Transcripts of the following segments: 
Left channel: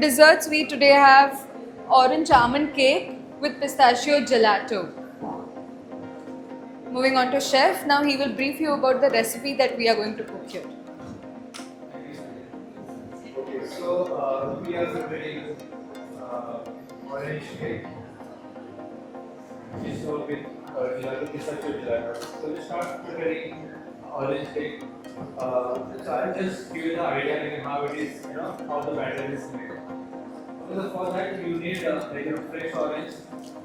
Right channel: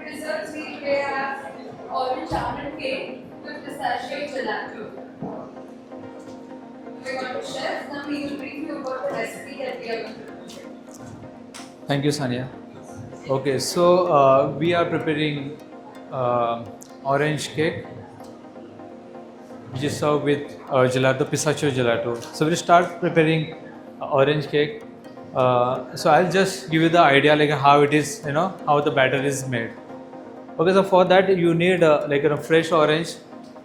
desserts, we today have orange almond cake with pistachio gelato. Moving on to chef, now he will brief you about the recipe that we are going to cook here. Thank you, Sania. Okay, so we are preparing orange cake, which is served with gelato, pistachio gelato. So we'll start preparing orange cake. So I'll just give you the idea like how it is, how the batter is made. Okay, so for that you need fresh orange.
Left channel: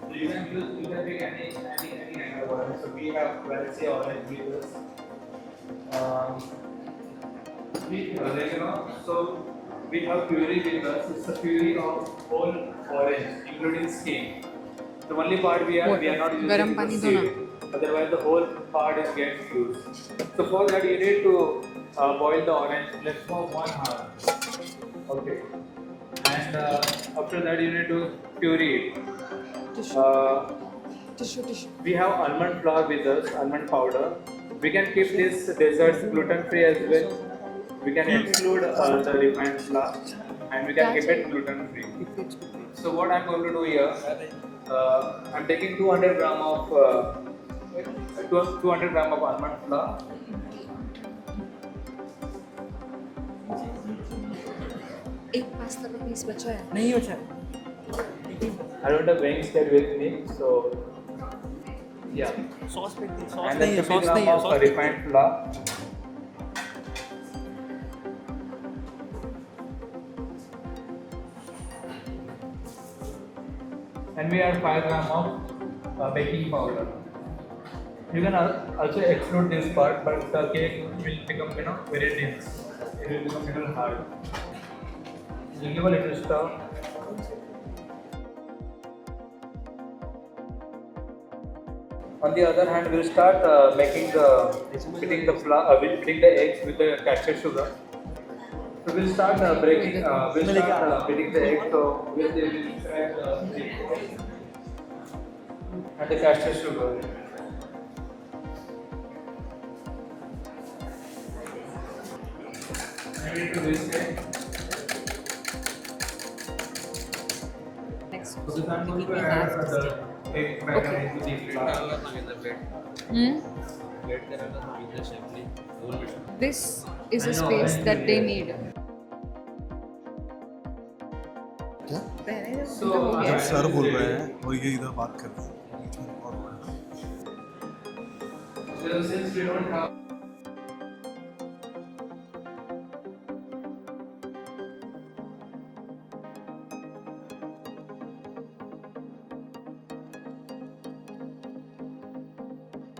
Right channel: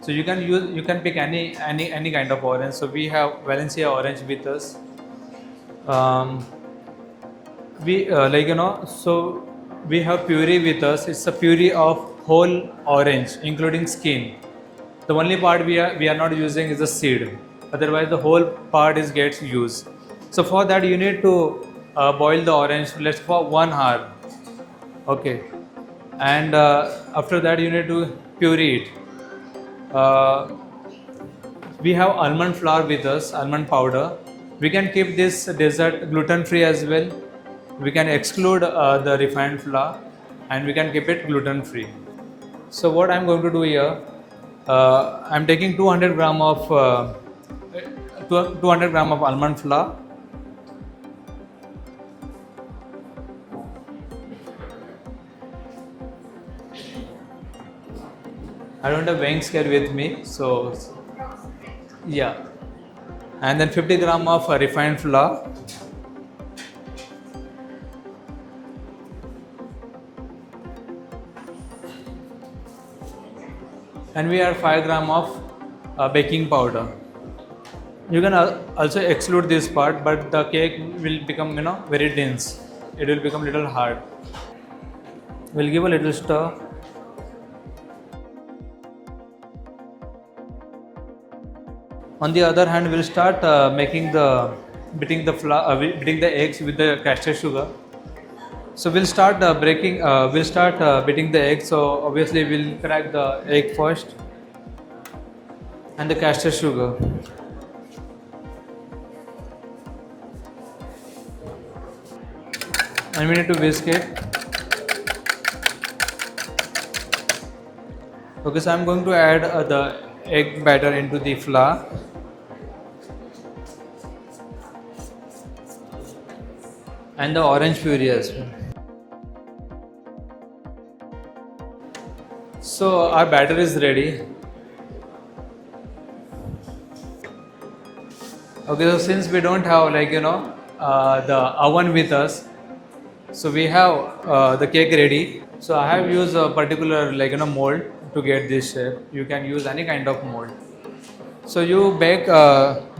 So you can pick any kind of orange. So we have Valencia orange with us. So we have puree with us. It's a puree of whole orange, including skin. The only part we are not using is the seed. Otherwise, the whole part gets used. So for that, you need to boil the orange for 1 hour. Okay, and after that, you need to puree it. We have almond flour with us, almond powder. We can keep this dessert gluten-free as well. We can exclude the refined flour, and we can keep it gluten-free. So what I'm going to do here, I'm taking 200 gram of almond flour. I don't have weighing scale with me, so yeah. And then 50 gram of refined flour. And we add 5 gram of baking powder. You can also exclude this part, but the cake will become very dense. It will become little hard. We'll give a little stir. On the other hand, we'll start beating the eggs with the castor sugar. So we'll start beating the egg. So obviously we'll crack the egg first and the castor sugar. And we need to whisk it. Okay, so I'm going to add the egg batter into the flour. This is and a the space orange that puree they as need. So our batter is ready. Okay, so since we don't have the oven with us, so we have the cake ready. So I have used a particular mold to get this shape. You can use any kind of mold. So you bake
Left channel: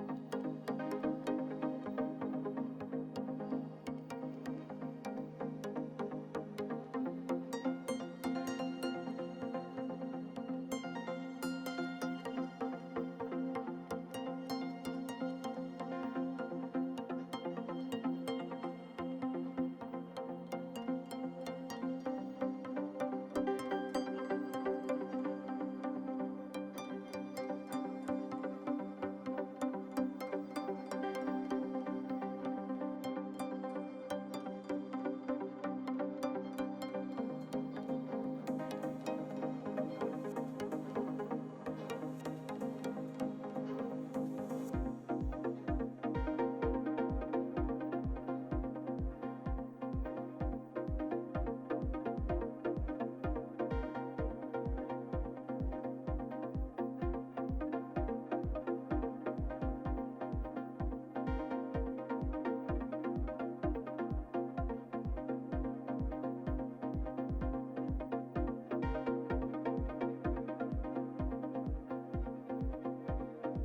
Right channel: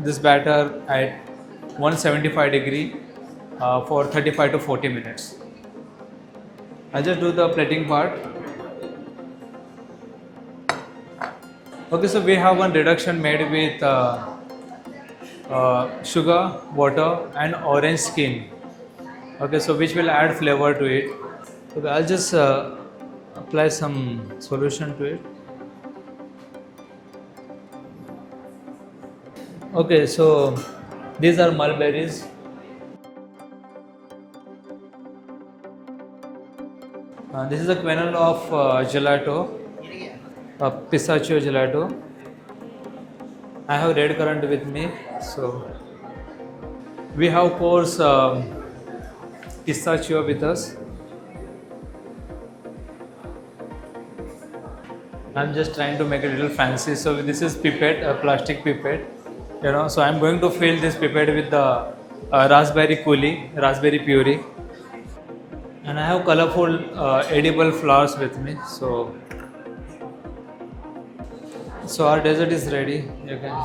this batter at 175 degree for 35 to 40 minutes. I'll just do the plating part. Okay, so we have one reduction made with sugar, water and orange skin. Okay, so which will add flavor to it. Okay, I'll just apply some solution to it. Okay, so these are mulberries. This is a kernel of gelato, pistachio gelato. I have red currant with me, so we have coarse pistachio with us. I'm just trying to make it a little fancy. So this is pipette, a plastic pipette. So I'm going to fill this pipette with the raspberry puree. And I have colorful edible flowers with me. So our dessert is ready. You can